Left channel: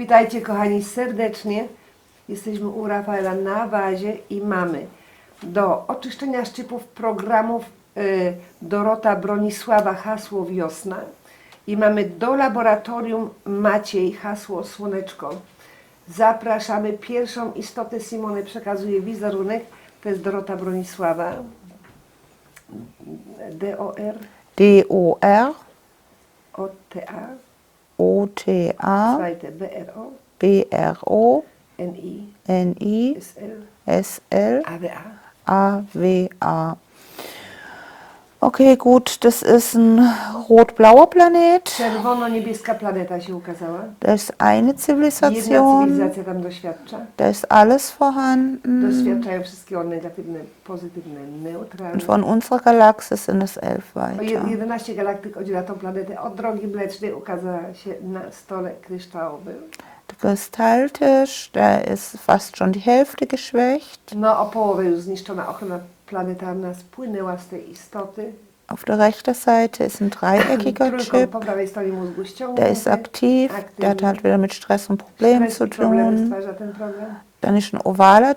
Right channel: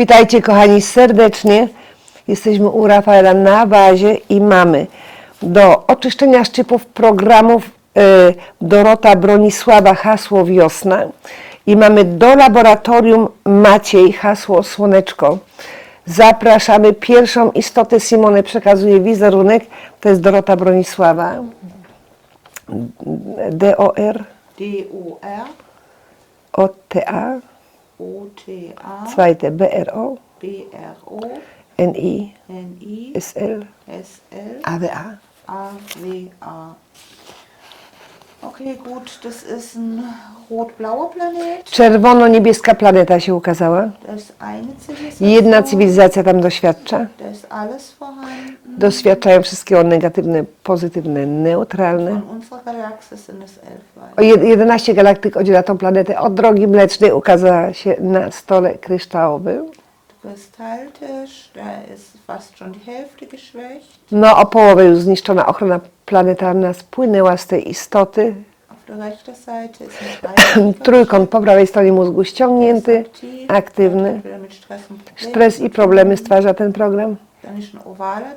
Witajcie kochani serdecznie. Jesteśmy u Rafaela na bazie i mamy do oczyszczenia szczypów programów y, Dorota Bronisława hasło wiosna i mamy do laboratorium Maciej hasło słoneczko. Zapraszamy pierwszą istotę Simone przekazuje wizerunek. To jest Dorota Bronisława. D-O-R D-O-R, O-T-A O-T-A, zweite B-R-O B-R-O, N-I N-I, S-L S-L, A-W-A. A-W-A. Okay, gut, das ist ein rot-blauer Planet. Czerwono-niebieska planeta się ukazała. Da ist eine Zivilisation. Jedna cywilizacja tam doświadcza. Da ist alles vorhanden. Doświadczają wszystkiego negatywne, pozytywne, neutralne. Von unserer Galaxie sind es elf O weitere. jed- 11 galaktyk oddziela tą planetę od drogi mlecznej, ukazała się na stole kryształowym. Der Kristalltisch, da ist fast schon die Hälfte geschwächt. No o połowę już zniszczona ochrona planetarna spłynęła z tej istoty. Auf der rechten Seite ist ein Trójkąt po prawej stronie mózgu ściągnięty, aktiv. Hat aktywny. halt wieder mit Stress und Problemen Stres i problemy stwarza ten program. Dann ist ein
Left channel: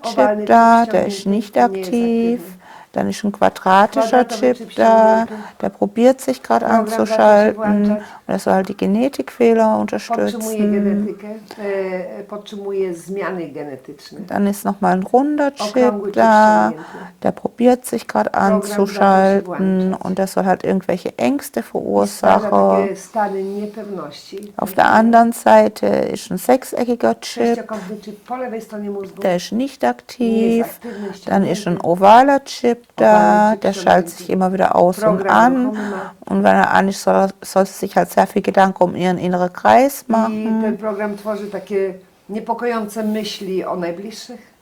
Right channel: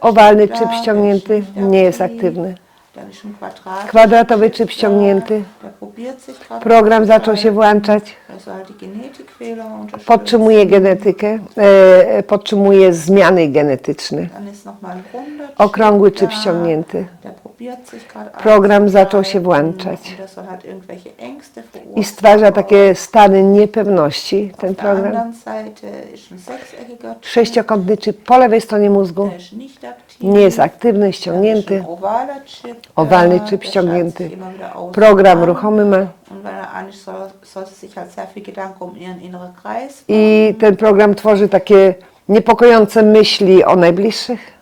Owalny Chip ściągnięty, nie jest aktywny. Dann ist ein quadratischer Kwadratowy Chip Chip da, ściągnięty. der probiert sich gerade Program zaczął się włączać. Soll halt die Genetikfehler unterstützen. Podtrzymuje genetykę, e, e, podtrzymuje zmiany genetyczne. Dann ist nochmal ein runder Chip Okrągły chip da, ściągnięty. der probiert sich gerade Program zaczął się włączać. und der soll halt irgendwelche Ängste I stwarza verursachen. takie stany niepewności. Auf der anderen Seite ist ein sechseckiger Chip, Sześciokątny chip po lewej stronie mózgu. der ist nicht aktiv. Nie jest aktywny, Dann ist ściągnięty. ein ovaler Chip da, der schaltet ściągnięty. sich immer wieder aus Program und an. ruchomy ma. Und wenn er an ist, soll, soll sie sich halt sehr viel Gedanken um ihren inneren Kreis machen. I ten program tworzy takie niepokojące myśli o najbliższych.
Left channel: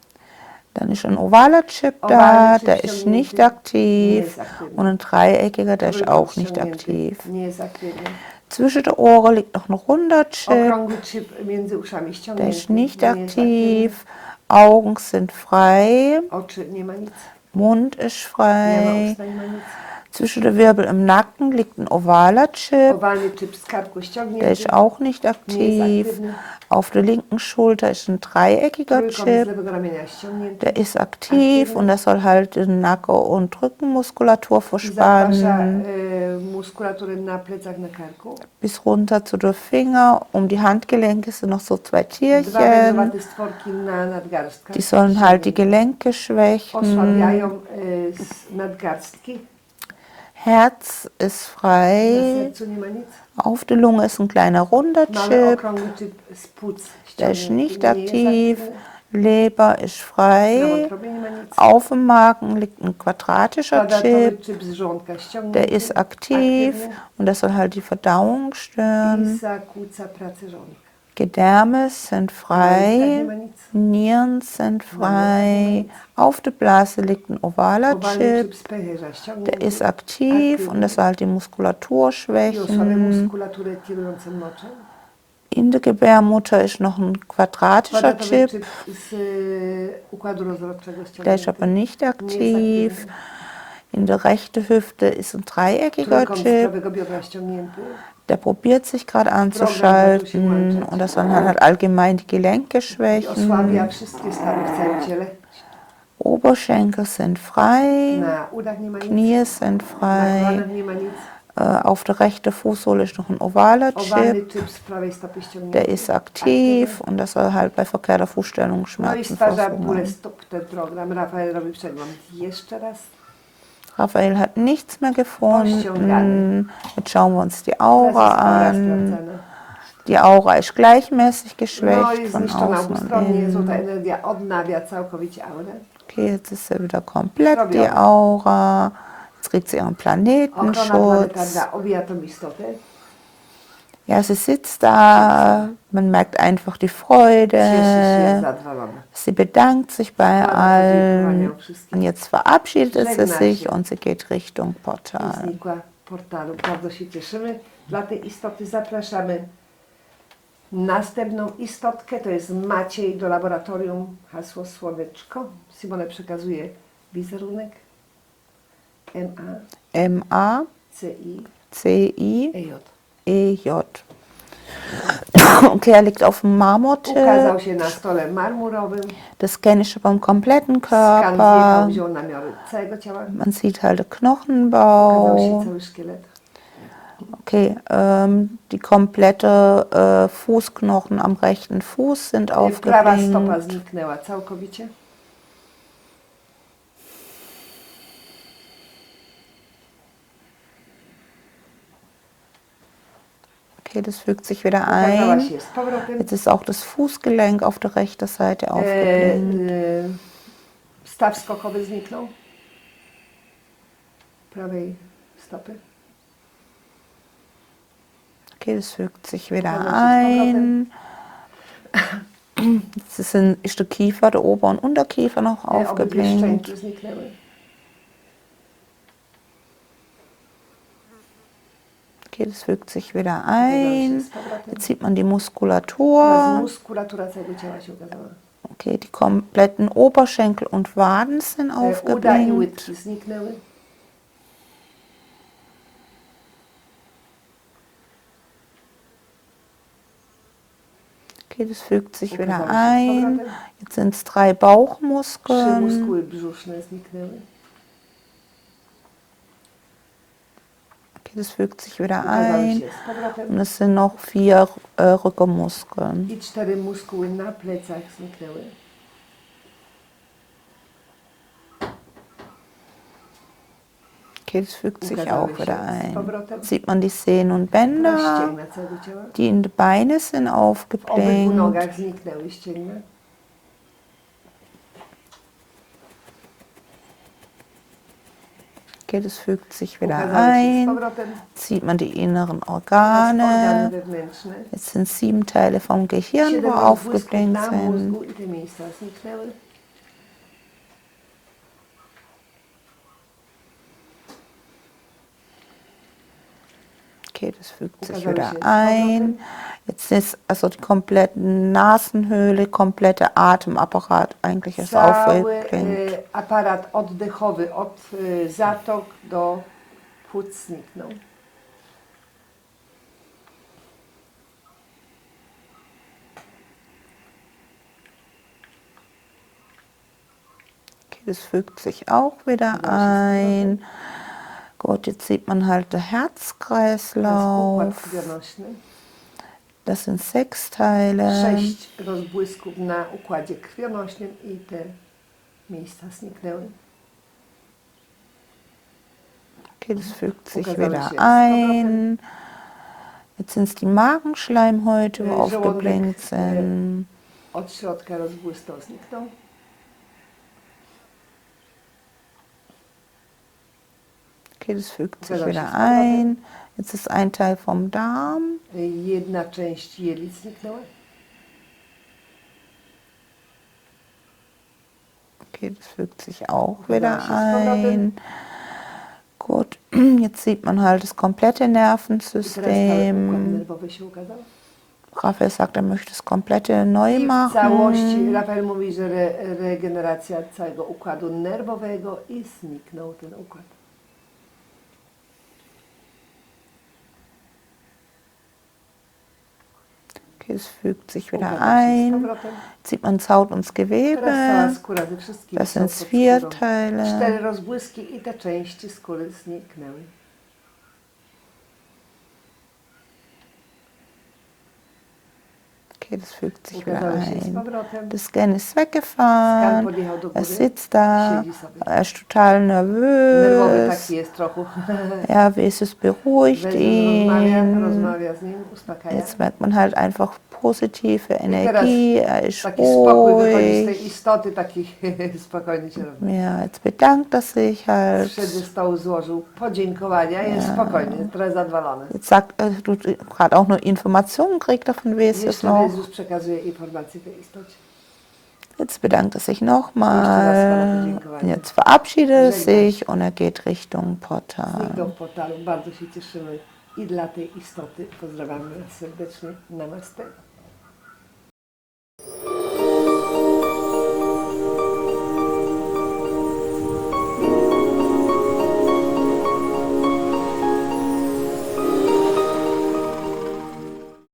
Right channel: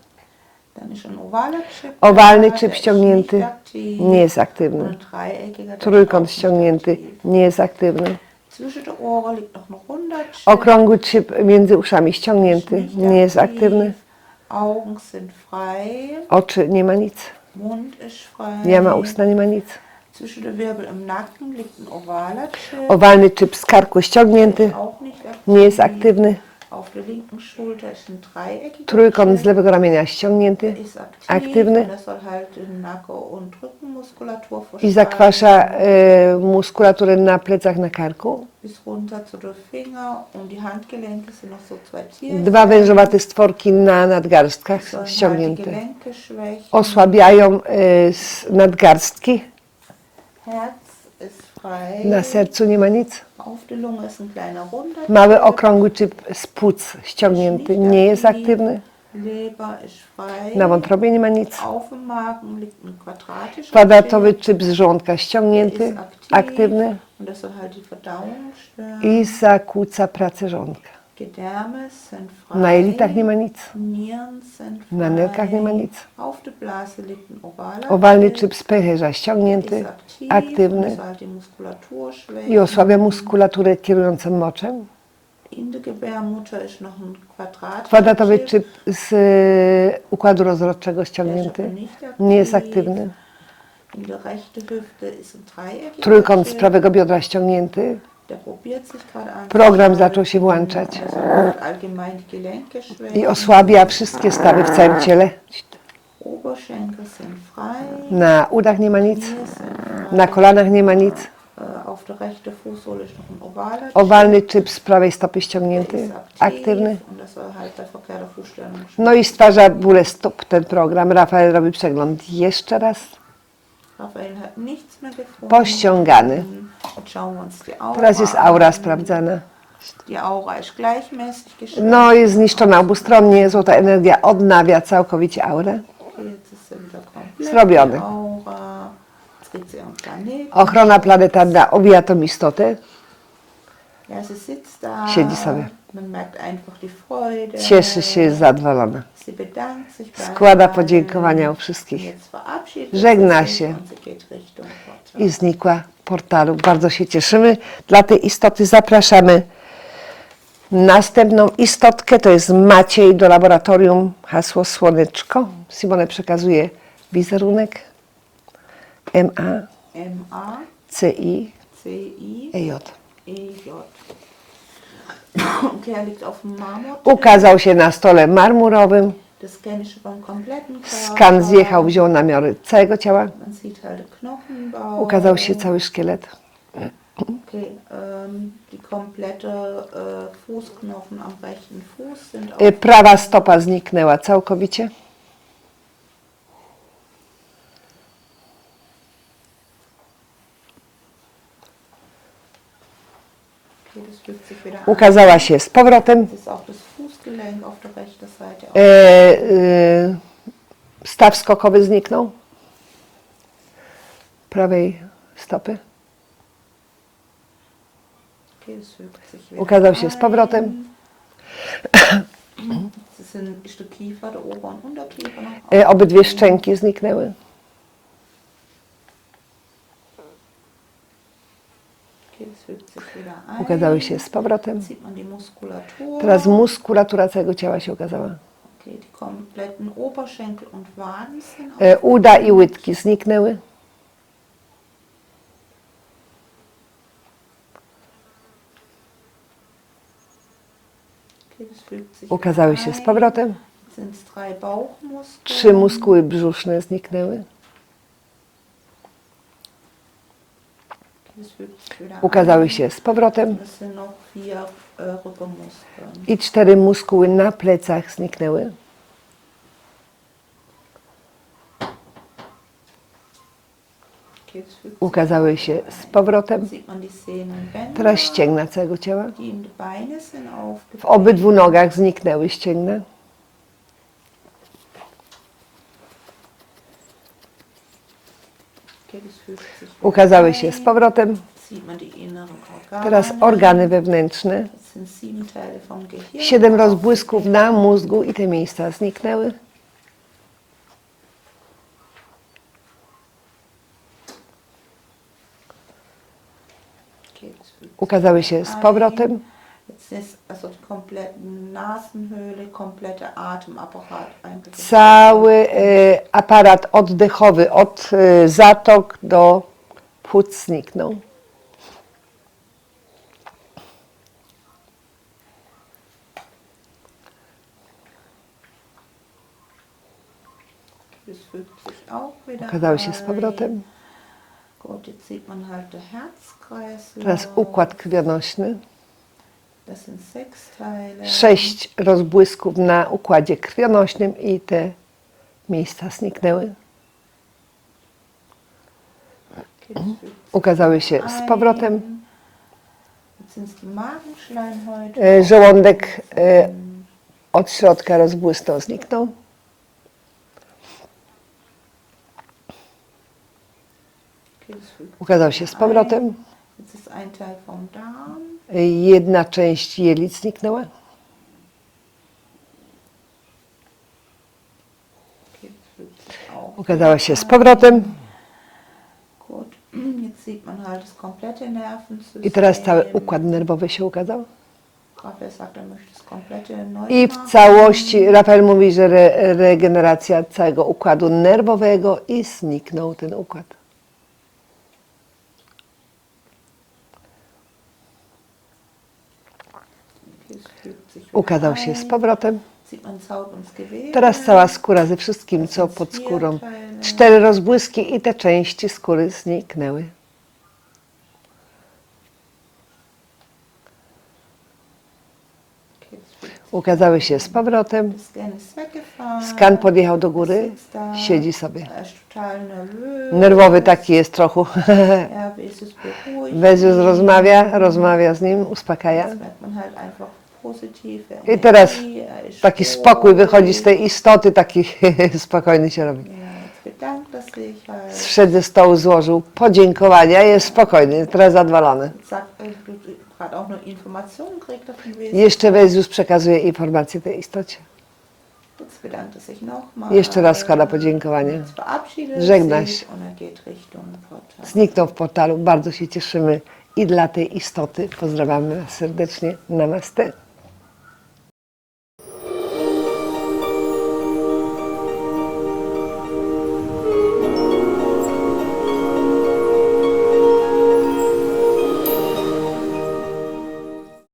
Dann ist ein ovaler Chip Owalny da, chip der ist ściągnięty. nicht aktiv. Nie jest aktywny. Und ein dreieckiger, der ist Trójkąt auch nicht ściągnięty. aktiv. Nie jest aktywny. Zwischen den Ohren liegt noch ein runder Chip. Okrągły chip między uszami der ist ściągnięty. nicht Nie jest aktywny. aktiv. Augen sind frei. Oczy nie ma nic. Mund ist frei. Nie ma usta, nie ma nic. Zwischen den Wirbel im Nacken liegt ein ovaler Chip. Owalny chip z karku Der ist auch nicht aktiv. Nie jest aktywny. Auf der linken Schulter ist ein dreieckiger Trójkąt z Chip. lewego ramienia ściągnięty. Der ist aktiv Aktywny. und das soll halt die Nacken- und Rückenmuskulatur I zakwasza verspannen. muskulaturę na plecach, na karku. Bis runter zu den Finger. Um die Handgelenke sind noch so zwei Tierchen. Dwa wężowate stworki na nadgarstkach Die sollen halt die ściągnięte. Gelenke schwächen. Osłabiają e, s- nadgarstki. Herz ist frei. Na sercu nie ma nic. Auf der Lunge ist ein kleiner runder Mały Chip. okrągły chip z płuc ściągnięty. Nie jest aktywny. Leber ist frei. Na wątrobie nie ma nic. Auf dem Magen liegt ein quadratischer Kwadratowy Chip. chip z żołądka Der ist aktiv Aktywny. und das soll halt die Verdauung stören. I zakłóca pracę żołądka. Gedärme sind nie frei. Nieren sind nie frei. Auf der Blase liegt ein ovaler Owalny Chip. pęcherza Der ist aktiv aktywny. und das soll halt die Muskulatur I osłabia schwächen. muskulaturę kierującą moczem. In der Gebärmutter ist noch ein quadratischer Chip. chip z e, układu rozrodczego Der ist aber nicht Nie jest aktiv. aktywny. In der rechten Hüfte ist ein dreieckiger Trójkąt z Chip. prawego biodra ściągnięty. Der probiert sich gerade Program anzuschalten. zaczął się włączać. Dann halt allgemein die Gelenke I schwächen. osłabia wszystkie stawy w całym ciele. Oberschenkel sind frei. Na udach nie ma nic. Knie sind frei. Na kolanach nie ma nic. Äh, Auf der rechten Fußsohle ist noch ein ovaler Owalny Chip. chip z prawej stopy Der ściągnięty. ist Aktywny. aktiv und das soll halt bei verkehrter Fußstellung No i stwarza bóle stóp ten program. Rafael robi przegląd jeszcze raz. Raphael hat nichts mehr gefunden. Jetzt schauen wir uns die Aura Teraz jest aura an. sprawdzana. Die Aura ist gleichmäßig geschwächt. No jest zniszczona obustronnie. Złota energia odnawia całkowicie aurę. Okay, jetzt ist sie wieder komplett, Zrobione. die Aura. Jetzt kriegt sie ihren Planeten. Ochrona planetarna obija tą istotę. Ja, sie sitzt Siedzi da. sobie. Man merkt einfach die Freude. Cieszy się, jest zadowolona. Sie bedankt sich bei Składa allen. podziękowania u wszystkich. jetzt verabschiedet Żegna sie sich się. und sie geht Richtung Portal. I znikła portalu. Bardzo się cieszymy. Dla tej istoty zapraszamy następną istotkę. To jest Maciej do laboratorium. Hasło Słoneczko. Simone przekazuje wizerunek. M-A-C-I-E-J. M-A-C-I-E-J. Okay, er liegt auf dem Marmortisch. Ukazał się na stole marmurowym. Der Scan ist beim kompletten Körper. Skan zjechał, wziął namiary całego ciała. Man sieht halt Knochenbau. Ukazał się cały szkielet. Okay, ähm, die komplette äh, Fußknochen am rechten Fuß sind E, Prawa stopa zniknęła całkowicie. Okay, das fügt sich wieder ein. się z powrotem. Jetzt ist auch das Fußgelenk auf der rechten Seite E, e, staw skokowy zniknął. Prawej stopy. Okay, das fügt sich wieder Ukazał się z ein. powrotem. Jetzt sind, ist der Kiefer, der Ober- und Unterkiefer noch E, obydwie szczęki zniknęły. Okay, das fügt sich wieder się ein. z powrotem. Jetzt sieht man die Muskulatur. Teraz muskulatura całego ciała się ukazała. Okay, die kompletten Oberschenkel und Waden sind E, Uda i aufgedrängt. łydki zniknęły. Okay, das fügt sich wieder się z ein. powrotem. Jetzt sind es drei Bauchmuskeln. Trzy muskuły brzuszne zniknęły. Ukazały się z powrotem. äh. I cztery muskuły na plecach zniknęły. Ukazały się z powrotem. Teraz ścięgna całego ciała. W obydwu nogach zniknęły ścięgna. Das fügt sich wieder Ukazały się z ein. powrotem. Sieht man die inneren Teraz Organe. organy wewnętrzne. Jetzt sind sieben Teile vom Gehirn. Siedem rozbłysków na mózgu i te miejsca zniknęły. Ukazały się z ein. Jetzt ist also die komplette Nasenhöhle, komplette Atemapparat eigentlich ist Cały e, aparat oddechowy od e, zatok do płuc zniknął. Okay, das fügt sich auch wieder ein. Gut, jetzt sieht man halt der Herzkreislauf. układ krwionośny. Das sind sechs Teile. Sześć rozbłysków na układzie krwionośnym i te miejsca zniknęły. Okay, das fügt sich Ukazały wieder się z ein. powrotem. Jetzt sind es die Magenschleimhäute. E, żołądek, e. Od środka rozbłysnął, zniknął. Okay, das fügt sich Ukazał się z powrotem. ein. Jetzt ist ein Teil vom Darm. Jedna część jelit zniknęła. Okay, das fügt sich auch się z powrotem. Gut, jetzt sieht man halt das komplette Nervensystem. I teraz cały układ nerwowy się ukazał. Raphael sagt, er möchte das komplette neu I w całości Rafael mówi, że re, regeneracja całego układu nerwowego i zniknął ten układ. Es fügt sich wieder Ukazał się z ein. powrotem. Sieht man Haut und Gewebe. Teraz cała skóra ze wszystkim, Das co sind pod skórą. Cztery rozbłyski i te części skóry zniknęły. Okay, das fügt sich Ukazały się z powrotem. Skan podjechał do góry, siedzi sobie. Er. Nerwowy taki jest trochę. Ihn. rozmawia, rozmawia z nim, uspokaja. Positive I teraz. Er ist taki spokój wychodzi z tej istoty, taki spokojny się robi. Ja, jetzt bedankt er sich halt. Zszedł ze stołu, złożył podziękowania, jest spokojny, teraz zadowolony. Sagt du gerade auch noch Informationen kriegt. Jeszcze. Jezus przekazuje informacje tej istocie. Jetzt bedankt er sich nochmal. Jeszcze raz składa podziękowania. Jetzt verabschiedet er Żegna sich und er geht Richtung Portal. Zniknął w portalu, bardzo się cieszymy i dla tej istoty pozdrawiamy serdecznie. Namaste.